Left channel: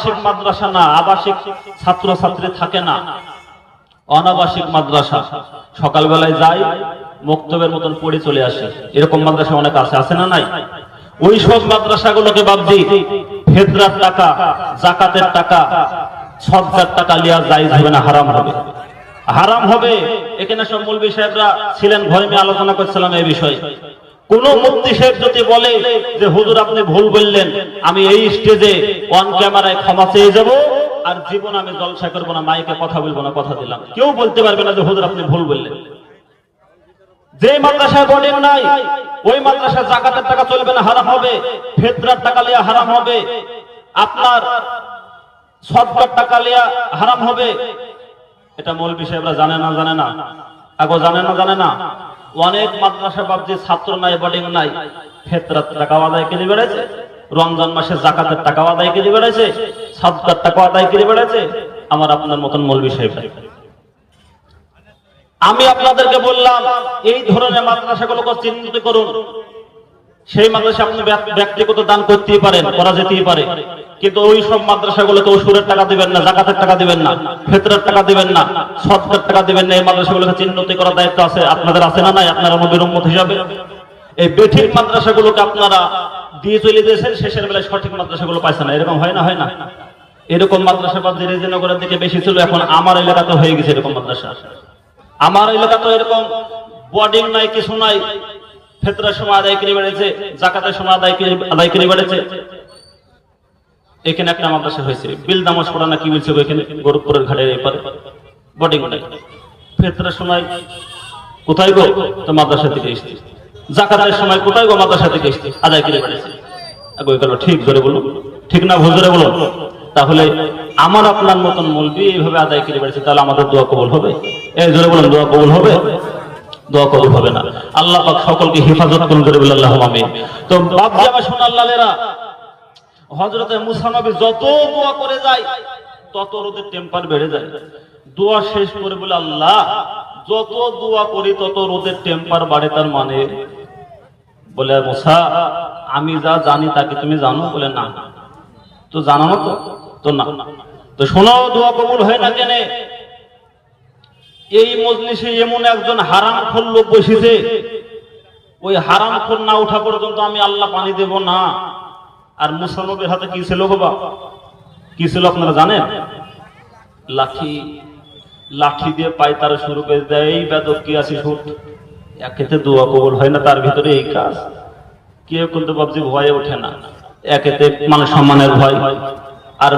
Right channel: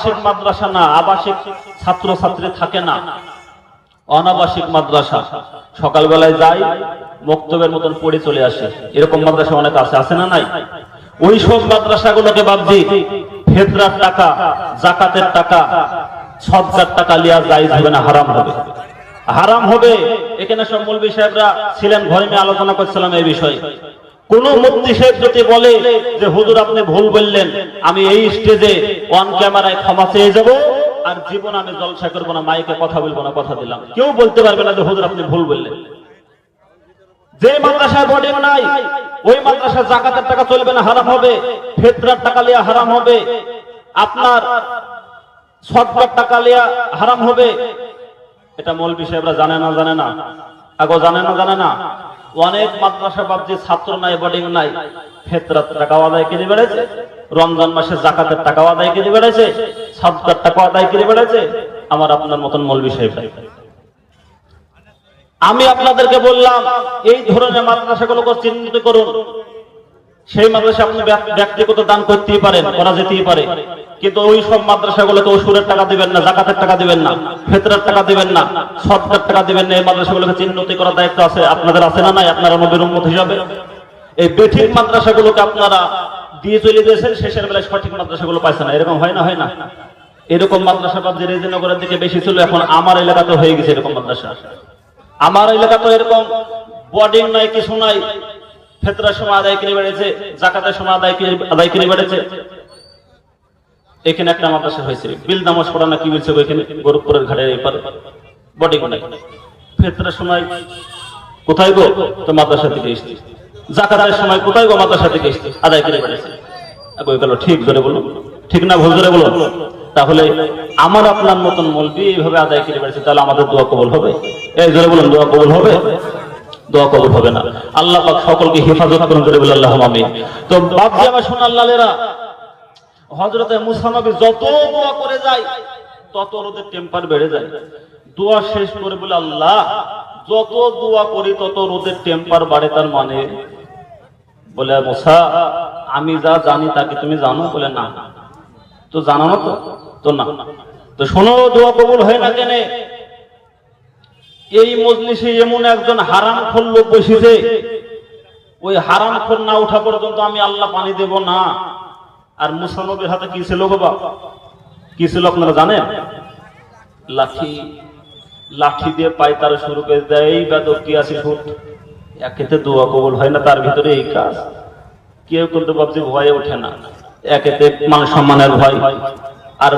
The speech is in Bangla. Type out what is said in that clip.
আবাসিক মাদ্রাসা না, আবাসিক ছাত্র ছাত্রী থাকে না, অনাবাসিক মাদ্রাসা। সকালবেলায় যাই, মক্তবের মতন পড়ে চলে আসে, এরকম মাদ্রাসা অনেক আছে, আছে না নাই? ওই সব মাদ্রাসাগুলোকে বাদ দিয়ে ফেতরার টাকা, যাকাতের টাকা, সদকার টাকা লিয়া জায়েজ হবে না, হারাম হবে, হারাম হবে। এখানে সব মৌলভী সাহেবরা ছিলেন, ঘরে নিয়ে আলোচনা করছিলাম এই বিষয়ে। কোন মুফতি সাহেব যদি বলে যে হুজুর আপনি ভুল বললেন, আমি এই স্টেজে অন ক্যামেরায় ক্ষমা চেয়ে যাব, আর জীবন আমি জলসা করবো না, মাইকে কথা বলবো না, কথা দিলাম, কেউ বলতে পারবে না যে হুজুর আপনি ভুল বললেন। যে মাদ্রাসায় বোর্ডিং নাই, ওই মাদ্রাসায় যাকাতের টাকা চলবে না, হারাম হবে। ফিতরার টাকা লিয়া হারাম হবে, আপনার সদকার টাকা লিয়া হারাম হবে। এটা মৌলভী সাহেবরা জানে না, জানে না, আগো জানে না, জানে না। অনেক মাদ্রাসা বাদ ছাত্র নাই, বোর্ডিং নাই, ফিতরার টাকা আদায় করে বেড়েছে, রমজান মাসে যাকাতের টাকা আদায় করে বেড়েছে, সদকার টাকা আদায় করে বেড়েছে। আমার আপনার মতন মৌলভী সাহেব। আমি আপনাদেরকে বললাম এই ধরনের মাদ্রাসাগুলোকে চিহ্নিত করুন। সেই মাদ্রাসা আপনি ব্যক্তিগত দান করতেই পারেন, করা যেতেই পারে, কিন্তু ওই সব মাদ্রাসাগুলোকে ওসুরের টাকা দিবেন না, যাকাতের টাকা দিবেন না, ফিতরার টাকা দিবেন না, সদকার টাকা দিবেন না। এই মাদ্রাসাগুলোকে চিহ্নিত করার দায়িত্ব আছে আপনাদের, আছে না নাই? আপনারা নবীর উম্মত হিসাবে এই বেঠিক মাদ্রাসাগুলোকে আপনারা দিয়ে চলে দিয়েছেন, শেষের বেলায় সঠিক মাদ্রাসাগুলো পাইছে না। এরকম হয় না, হয় না? এরকম মাদ্রাসা বাদ রেজিনগরের দিকে বেশি ছিল, এখন আমার এলাকাতে হয়ে গেছে এরকম মাদ্রাসা। আমার এলাকাতে এরকম বোর্ডিং নাই, কিছু নাই, ফিতরার সময় আদায় করে বেড়েছে, যাকাতের সময় আদায় করে বেড়েছে। এখানে একটা মাদ্রাসা হয়েছে, বিল নামাজ পড়া না কি বলছে, ওইখানে গোরখপুরের ঘাটে এপারে বোর্ডিং নাই। ফিতরার সময় কোথায় গো? তো মাদ্রাসা থেকে এসছে। যাকাতের সময় কোথায় গো? মাদ্রাসা থেকে এসছে, আদায় করে বেড়েছে। ঠিক ধরে বলুন, ঠিক না ভুল ধরে বলুন? তাহলে আমার আপনার মতন মৌলভী এইভাবে আদায় করে বেড়েছে, তাহলে আমাদের দোয়া কবুল হবে? এই ধরে বলুন, দোয়া কবুল হবে? দোয়া কবুল হবে না। আল্লাহ পাক সকলকে হেফাজত করুন, করে বলে আল্লাহুম্মা আমিন। তো বাপ জামা শোনা আল্লাহরা, হযরতে মুসা নবী যত দোয়া করে যায় তত রোদের টেম্পার বেড়ে যায়। দোয়া শেষ করে বলে, আল্লাহ যত দোয়া করি তত রোদের টেম্পার বাড়ে, তার মানে বলে মুসা আমি যা জানি তাকে তুমি জানো? বলে না। তো জানানো তো না। তো শোনো, দোয়া কবুল হয় না কেন? এই মজলিসে এমন একজন হারামখোর লোক বসেছে, ওই হারামখোর না ওঠা পর্যন্ত আমি আল্লাহ পানি দেব না। আর মুসা নবীর হাতে কি ছিল বাবা? কি ছিল আপনারা জানেন? লাঠি। লাঠি দিয়ে পায়তারা শুরু করে দেয়, এই বেদর কি আছে ফুট, একেতে দোয়া কবুল হয় না, তার ভিতরে এই কাজ। কেউ কিন্তু ভাবছে ভয়ে ওঠে না, একেতে মান সম্মানের ভয়, আর